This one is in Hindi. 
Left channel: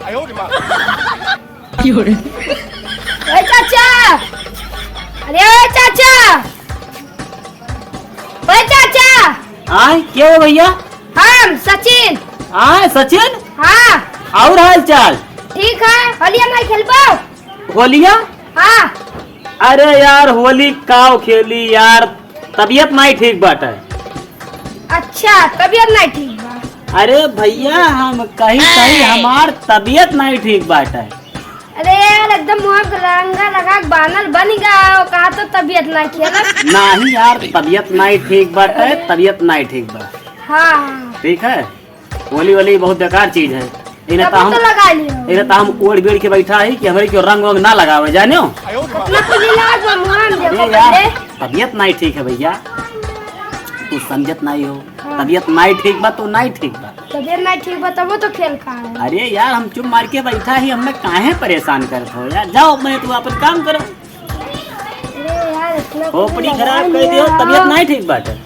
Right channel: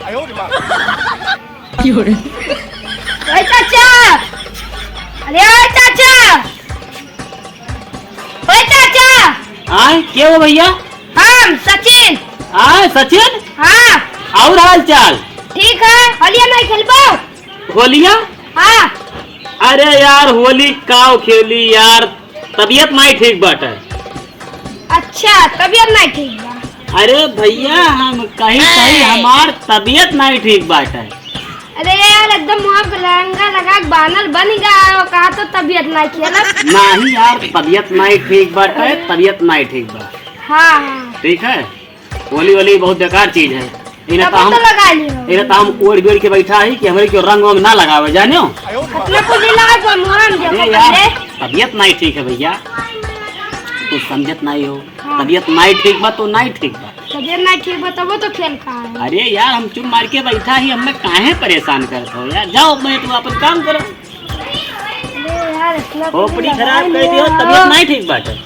ओए चाचा, अरे ओए चाचा, ओए चाचा। आए क्या हो भैया? हम सचिन। आए सचिन, हाँ और हाल चाल? ठीक है। होलिया नहीं खेलबो? होलिया? हाँ। अरे यार होली काव खेली यार, तबीयत नहीं ठीक बाटे। अच्छा तबीयत नहीं ठीक बा? अरे भैया हम कहीं कहीं हमार तबीयत नहीं ठीक बाटे। अरे यार एकदम मुँह पे रंगा लगा के बानर बन गया, कहा तो तबीयत नहीं खेला। नहीं यार तबीयत नहीं ठीक बाटे, तबीयत नहीं ठीक बा। हाँ हाँ ठीक है, होली वाली बहुत बेकार चीज है। इन्हें तब तो लगा लियो। इन्हें तो हम ओढ़ बेड़ के बैठा है कि हमारे क्यों रंग वंग ना लगावे जाने हो। अपने को जिला जो मोरन अरे देखो यार पहले। तबीयत नहीं ठीक है भैया, तू समझत नहीं हो। हाँ। तबीयत नहीं ठीक बा तो नहीं ठीक बा। तबीयत नहीं ठीक बा तब तो खेल खा है। अरे यार हम चुप मार के बैठा ही, हमें काहे परेशान करते हो यार। जाओ मैं तू अपन काम करो। अरे यार इतना खोपड़ी खराब कर दियो, तबीयत नहीं ठीक बाटे।